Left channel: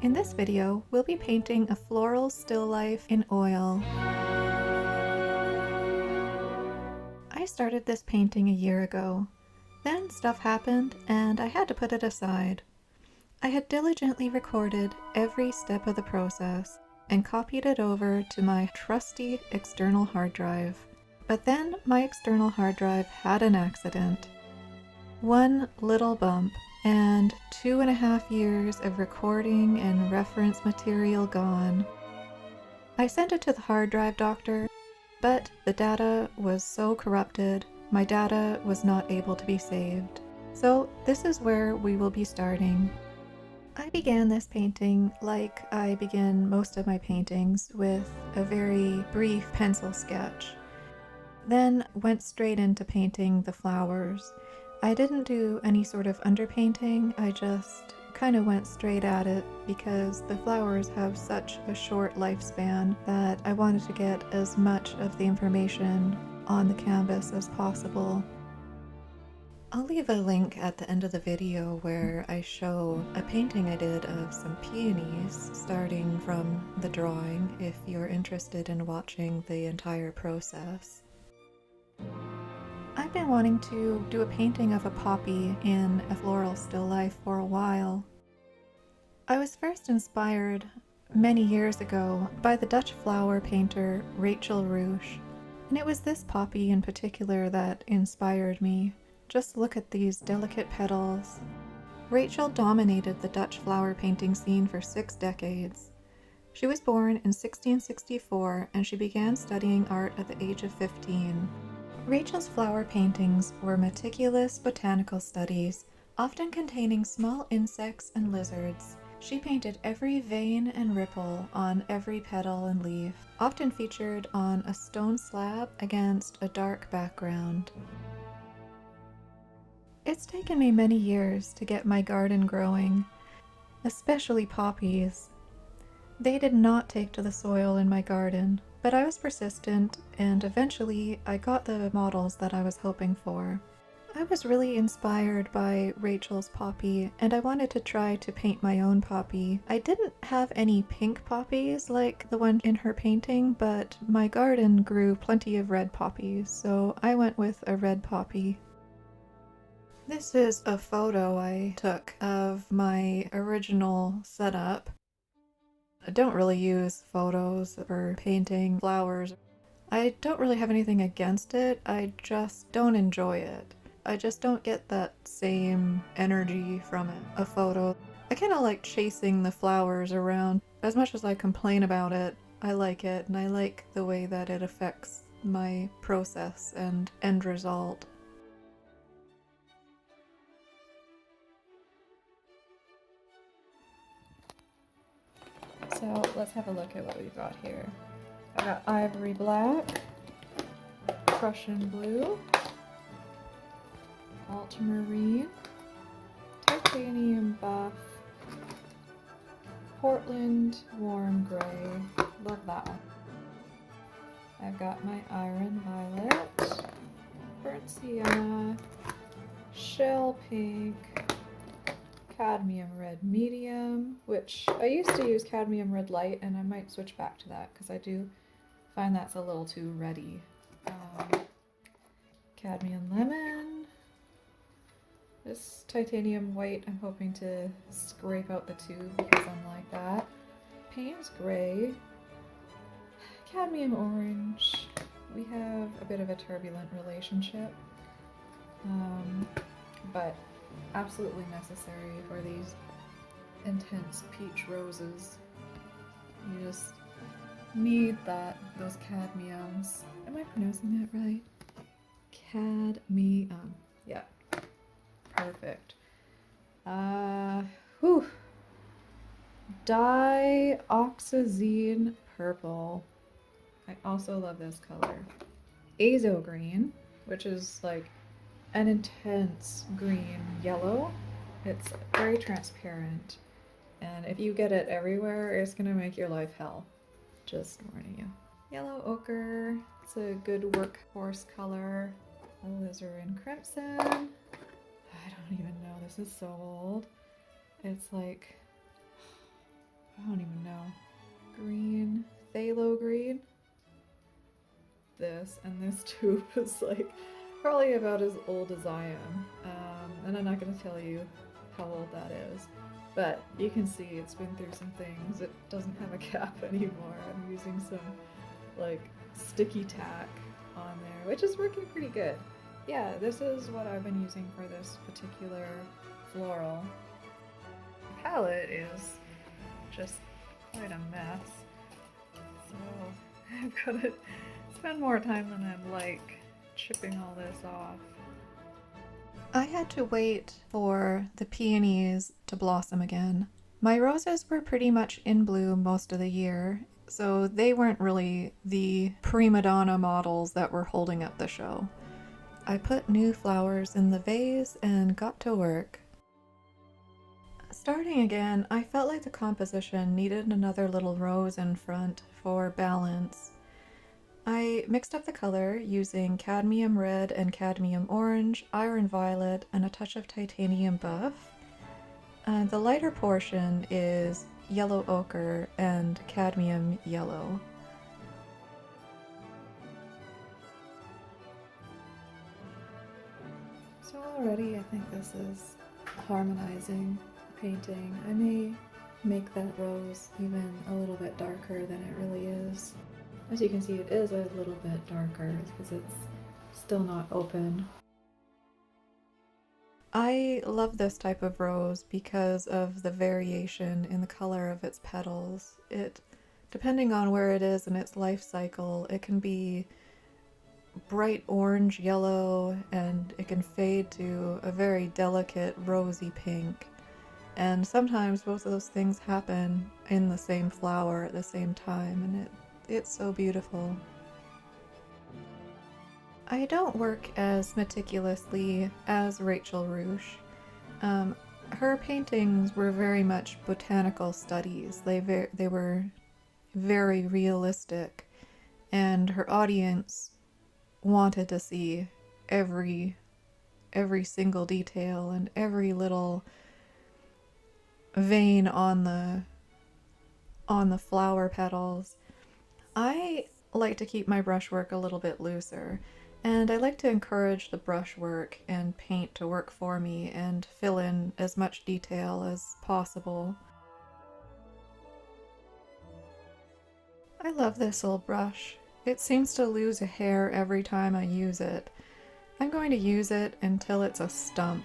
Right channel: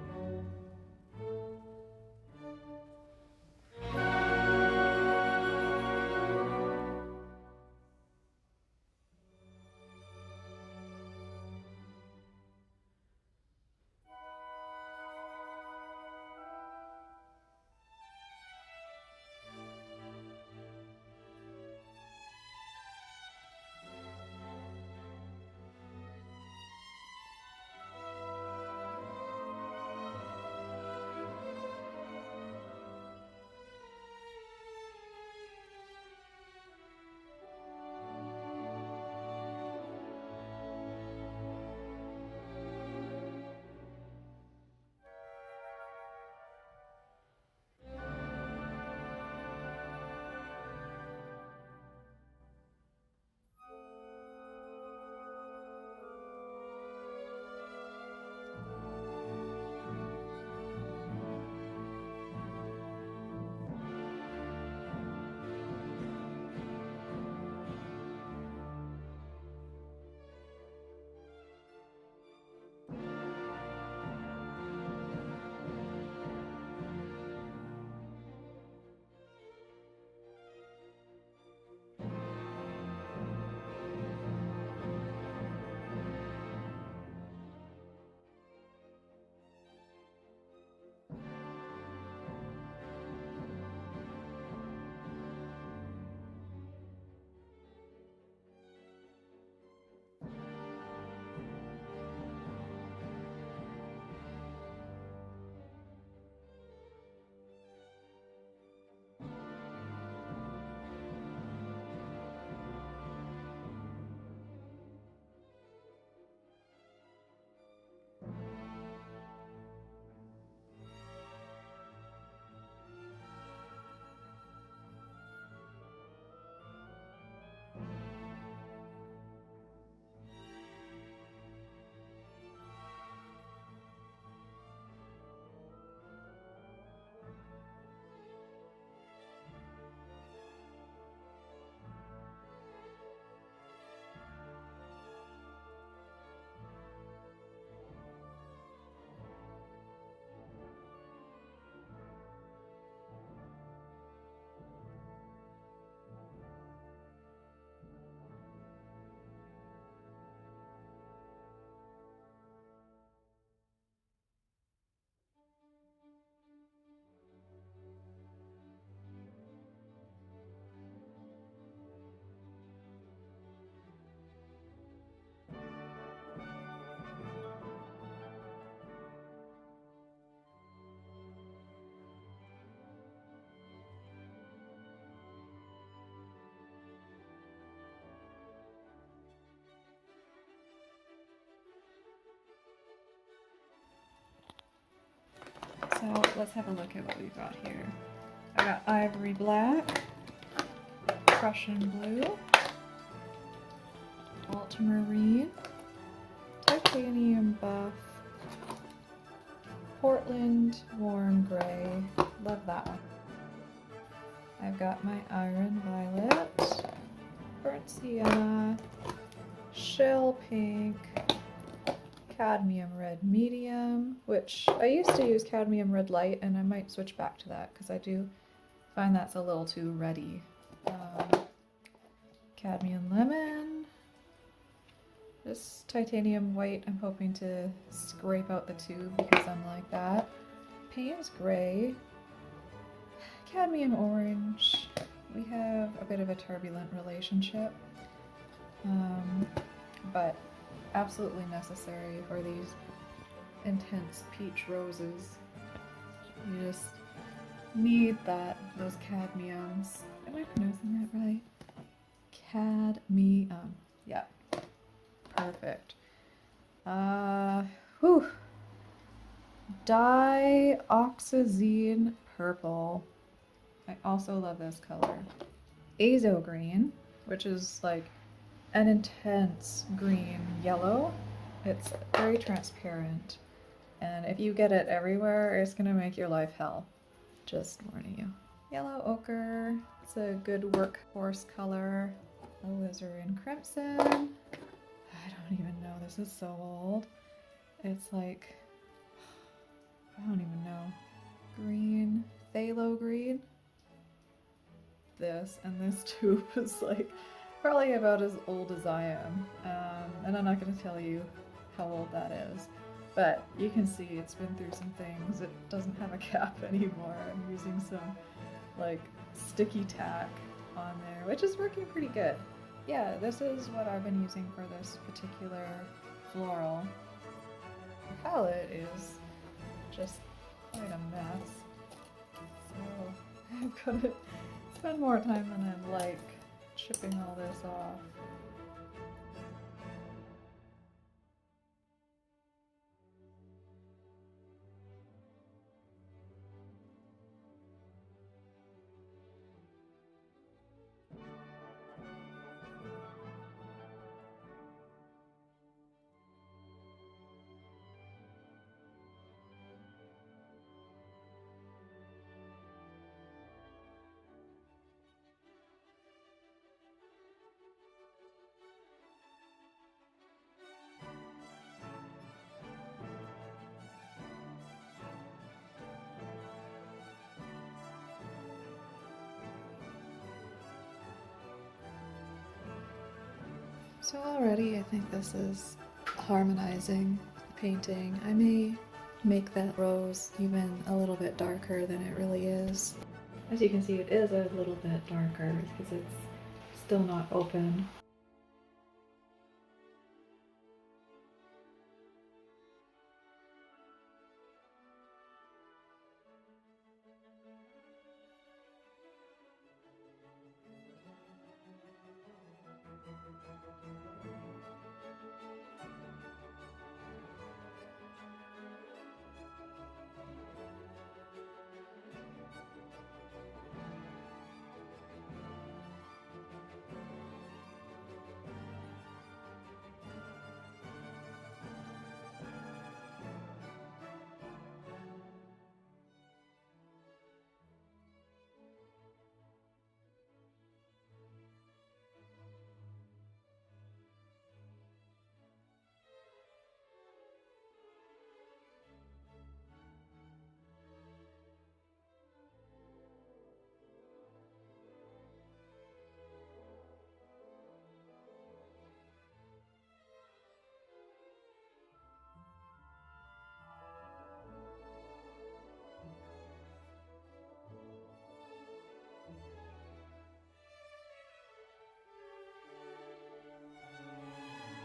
In this video, we'll be painting a floral still life in oil. I started this painting a year ago. Then stuff happened and I had to put it aside. I had diligently recorded every step of the process and copied it over to my trusty external hard drive. But then my external hard drive had an accident. One little bump and 2.5 years of recording and reference material gone. I sent it to the hard drive doctor, but the data was so corrupted, my data was not able to be saved. So this is where we will be starting. I began this painting like I begin most of my paintings, with a very brief pencil sketch. Then went straight into painting the flowers. I didn't do any sort of underpainting, I just kind of went straight at it because the flowers have such a short lifespan that I wanted to get as much of the information on the canvas as possible. I'll leave a link at the end of the video where I show a painting I did of some peonies starting from the drawing if you're interested in watching the entire process. I've been wanting to do a painting of a poppy in a floral still life for a while. I was first inspired many years ago by the Dutch flower painter Ruysch, and it was this poppy in particular that inspired me. Just look at these delicate petals. Rachel dominated the Dutch flower painting scene for 6 decades. She was born in 1664 and she began studying art at the age of 15. Rachel's flower paintings were meticulous botanical studies, often containing small insects and lizards. She painted every vein and ripple on every petal and leaf, often featured on a stone slab against a dark background. It's taken me many years to get my garden growing, especially poppies. They did not take to the soil in my garden, but I was persistent and eventually I got the models that I was hoping for. I was really inspired by Rachel's poppy and I wanted to try to paint my own poppy. I didn't have any pink poppies like the one in her painting, but my garden grew plenty of red poppies, so I went with a red poppy. This is a photo I took of my original setup. I don't really use photos for painting flowers. I don't really have anything against it, I just don't enjoy it. I just don't get that same energy from it, a photo. I kind of like chasing the flowers around. As much as I complain about it, I like it, and I like the way that it affects my process and end result. So let's have a look at what we've got here. I got ivory black, Prussian blue, ultramarine, titanium buff, Portland warm gray. Love that one. I've got my iron violet, burnt sienna, shell pink, cadmium red medium, which I used to use cadmium red light and I might switch back to that because I do find that's a little too reddy. Cadmium lemon, this titanium white I'm hoping to scrape out the tube because I'm like that. Payne's gray, cadmium orange. We have a bit of a turbulent relationship, but absolutely necessary for these intense peach roses. You just need those cadmiums. Am I pronouncing that right? Cadmium. Yeah. Perfect. Dioxazine purple. I also love this color. Azo green, which is like an intense green yellow. It's very transparent, and if you get it everywhere, it's gonna make your life hell. Just warning you. Yellow ochre, it's a good workhorse color. Alizarin crimson. I don't even know, this is so old. It's like I don't even know, green, phthalo green. This and this tube is like probably about as old as I am, and I'm not going to tell you how old that is, but you can see it's been through some things. It doesn't have a cap anymore. I'm using some like sticky tack on there, which is working pretty good. Yeah, this is what I've been using for this particular floral. The palette is just quite a mess, so I've got to spend more time than I'd like chipping all this off. I had to wait for the peonies to blossom again. My roses were pretty much in bloom most of the year, so they weren't really the prima donna models that were holding up the show. I put new flowers in the vase and got to work. Starting again, I felt like the composition needed another little rose in front for balance. I mixed up the color using cadmium red and cadmium orange, iron violet, and a touch of titanium buff. The lighter portion is yellow ochre and cadmium yellow. So already I think this is harmonizing the painting. I may make that rose even a little bit darker than it really is. As you can see, it is a little bit darker because it's still not open. I love this type of rose because of the variation in the color of its petals. Depending on where it is in its life cycle, it can be bright orange yellow and it can fade to a very delicate rosy pink. And sometimes both of those things happen in the same flower at the same time, and it's so beautiful. I don't work as meticulously as Rachel Ruysch. Her paintings were very much botanical studies. They were very realistic, and her audience wanted to see every single detail and every little vein on the flower petals. I like to keep my brushwork a little bit looser, and I like to encourage the brushwork and paint to work for me and fill in as much detail as possible. I love this old brush. It seems to lose a hair every time I use it. I'm going to use it until it's a stump.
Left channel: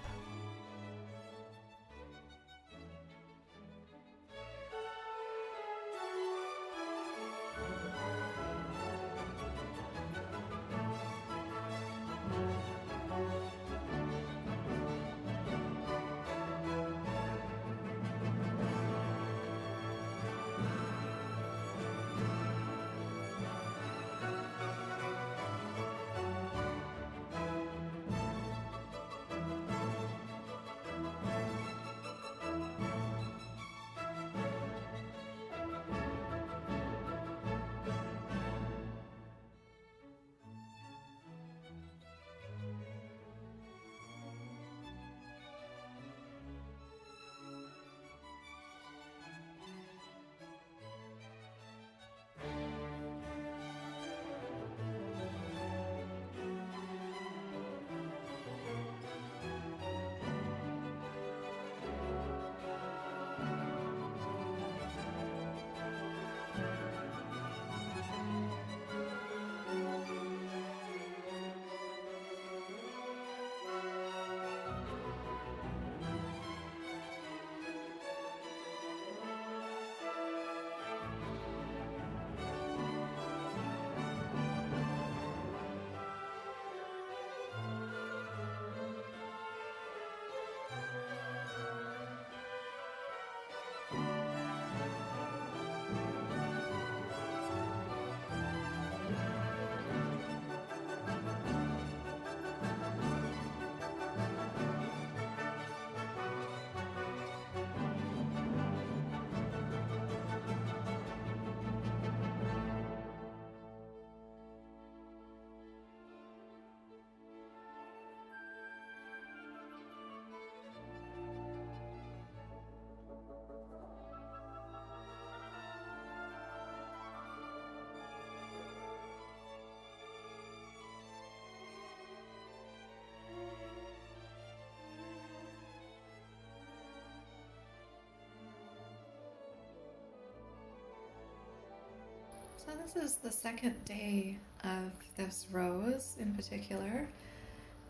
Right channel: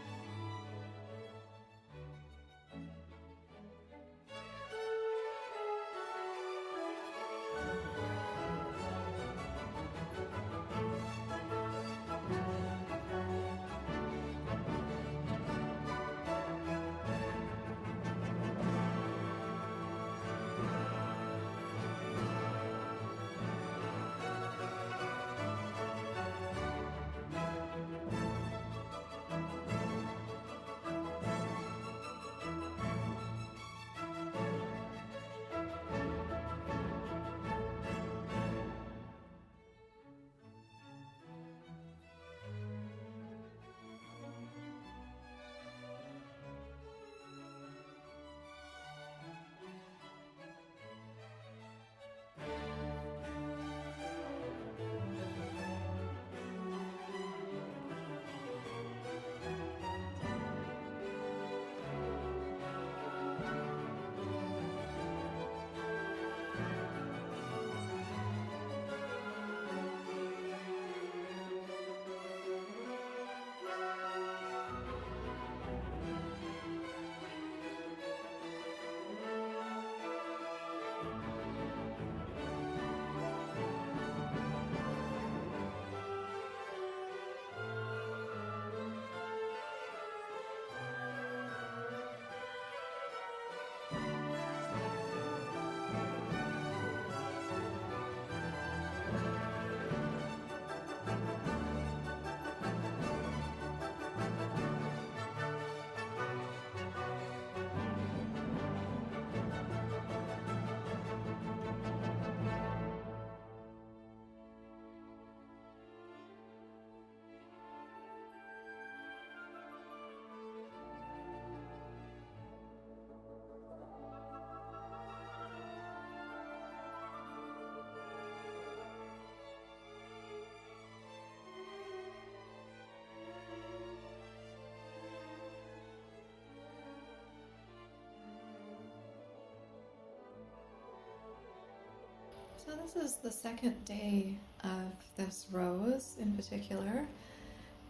So this is the second day of this rose in particular,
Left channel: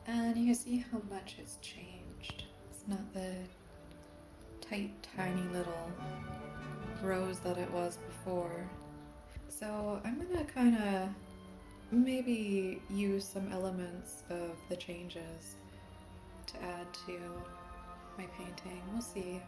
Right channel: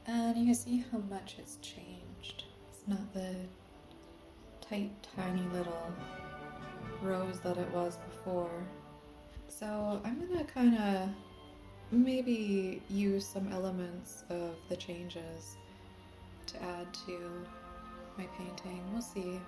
and you can see how much it's changed. It's not the tight, tiny little rose that it was before. So I'm gonna kind of maybe use some elements of the changes to add to my painting. We'll see.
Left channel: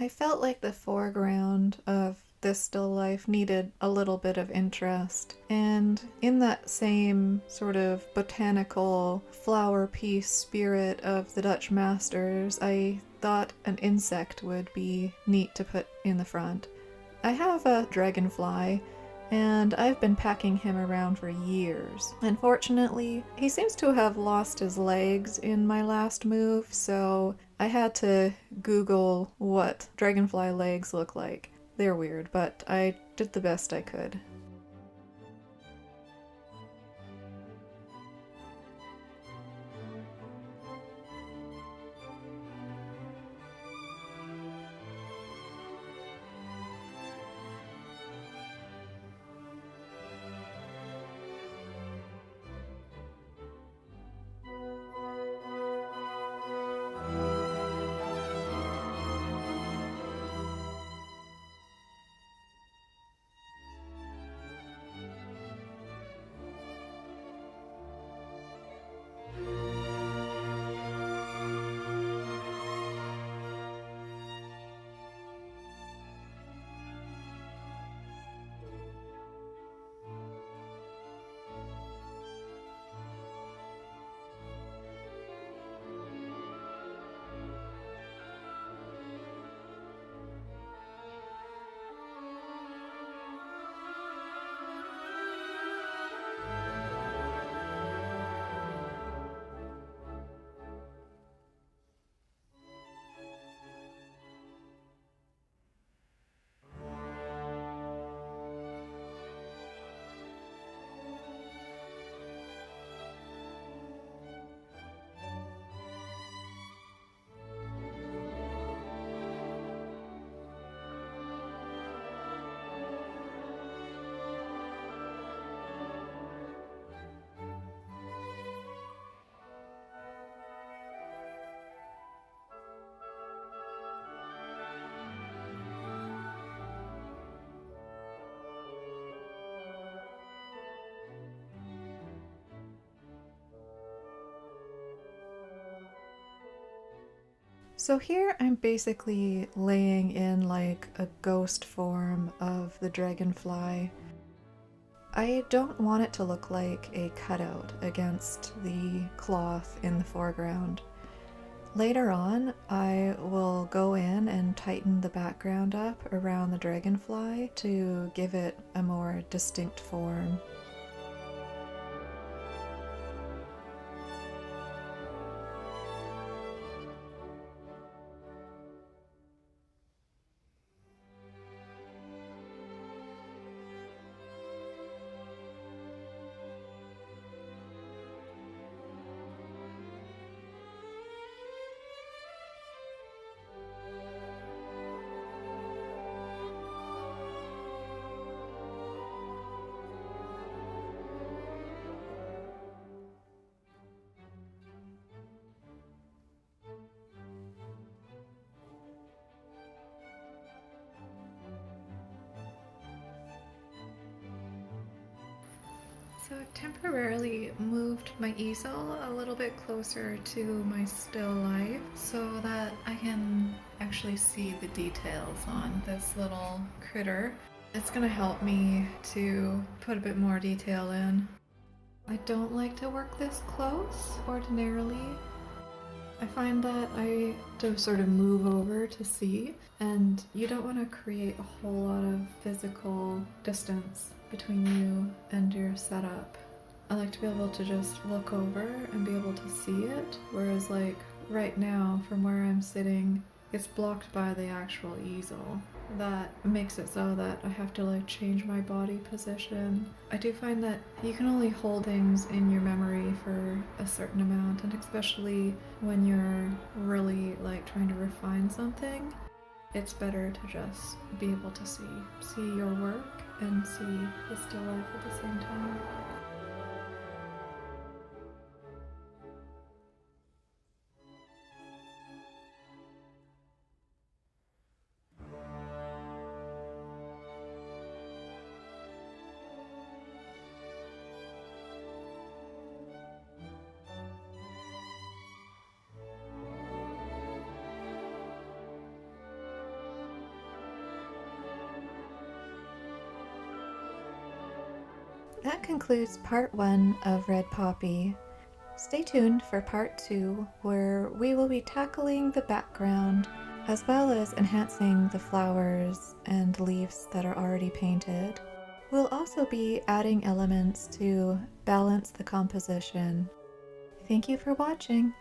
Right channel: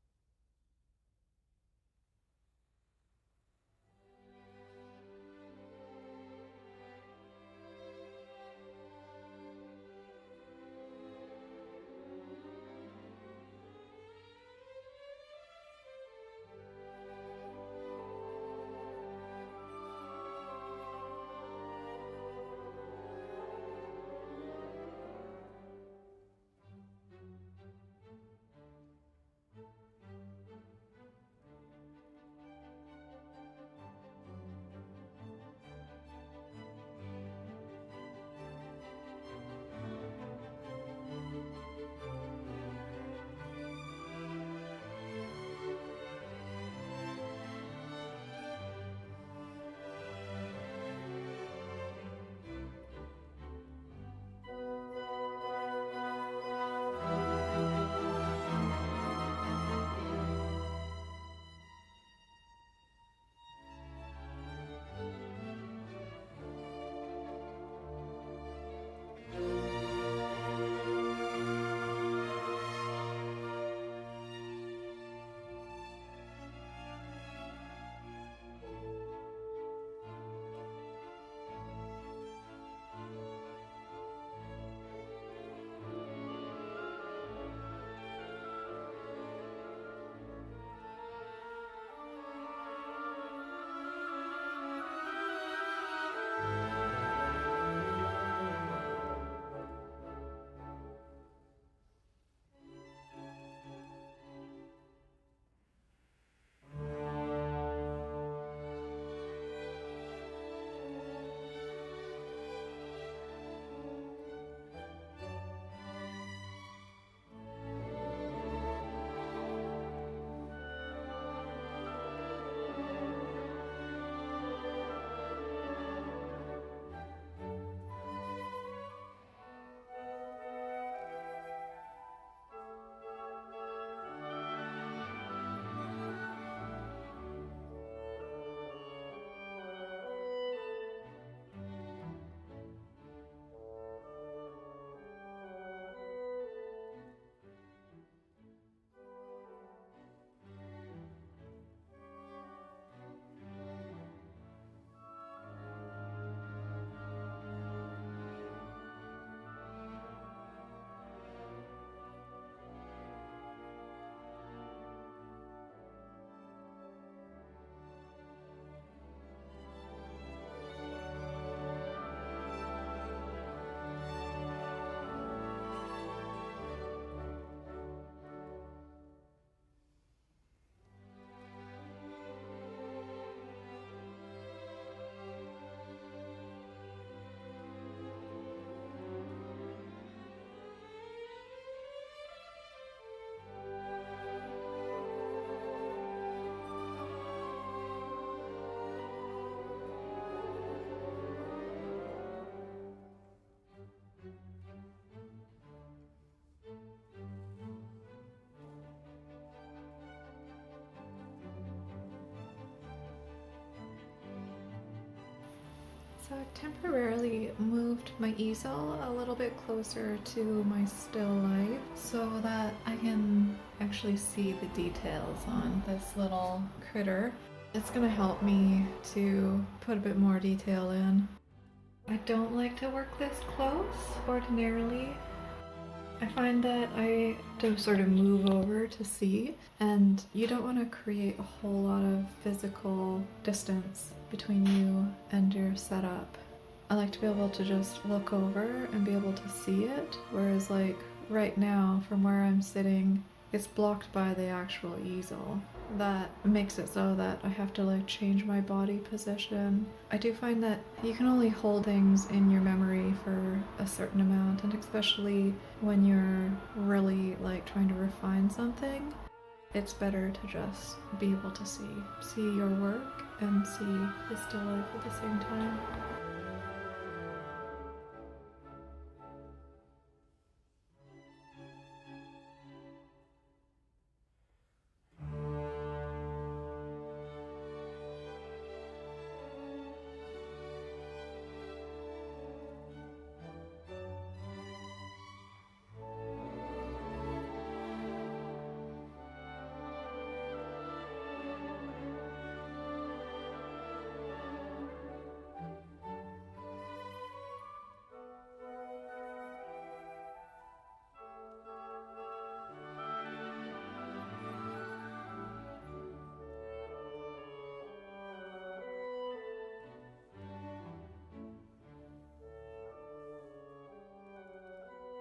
I felt like the foreground of this still life needed a little bit of interest, and in that same sort of botanical flower piece spirit of the Dutch masters, I thought an insect would be neat to put in the front. I have a dragonfly, and I've been packing him around for years. Unfortunately, he seems to have lost his legs in my last move, so I had to Google what dragonfly legs look like. They're weird, but I did the best I could. So here I'm basically laying in like a ghost form of the dragonfly. I don't want it to look like a cutout against the cloth in the foreground. Later on, I will go in and tighten the background up around the dragonfly to give it a more distinct form. So I've temporarily moved my easel a little bit closer to my still life so that I can actually see the details on this little critter. It's gonna help me to put a bit more detail in. I don't like to work this close ordinarily. I find that I have to sort of move over to see, and you don't want to create a whole lot of physical distance between you and your setup. I like to be able to just look over and be able to see it, whereas like right now from where I'm sitting, it's blocked by the actual easel. That makes it so that I have to like change my body position. I do find that you can only hold things in your memory for a certain amount, and especially when you're really like trying to refine something, it's better to just be able to see your work and see the still life at the same time. That concludes part 1 of Red Poppy. Stay tuned for part 2, where we will be tackling the background as well as enhancing the flowers and leaves that are already painted. We'll also be adding elements to balance the composition. Thank you for watching.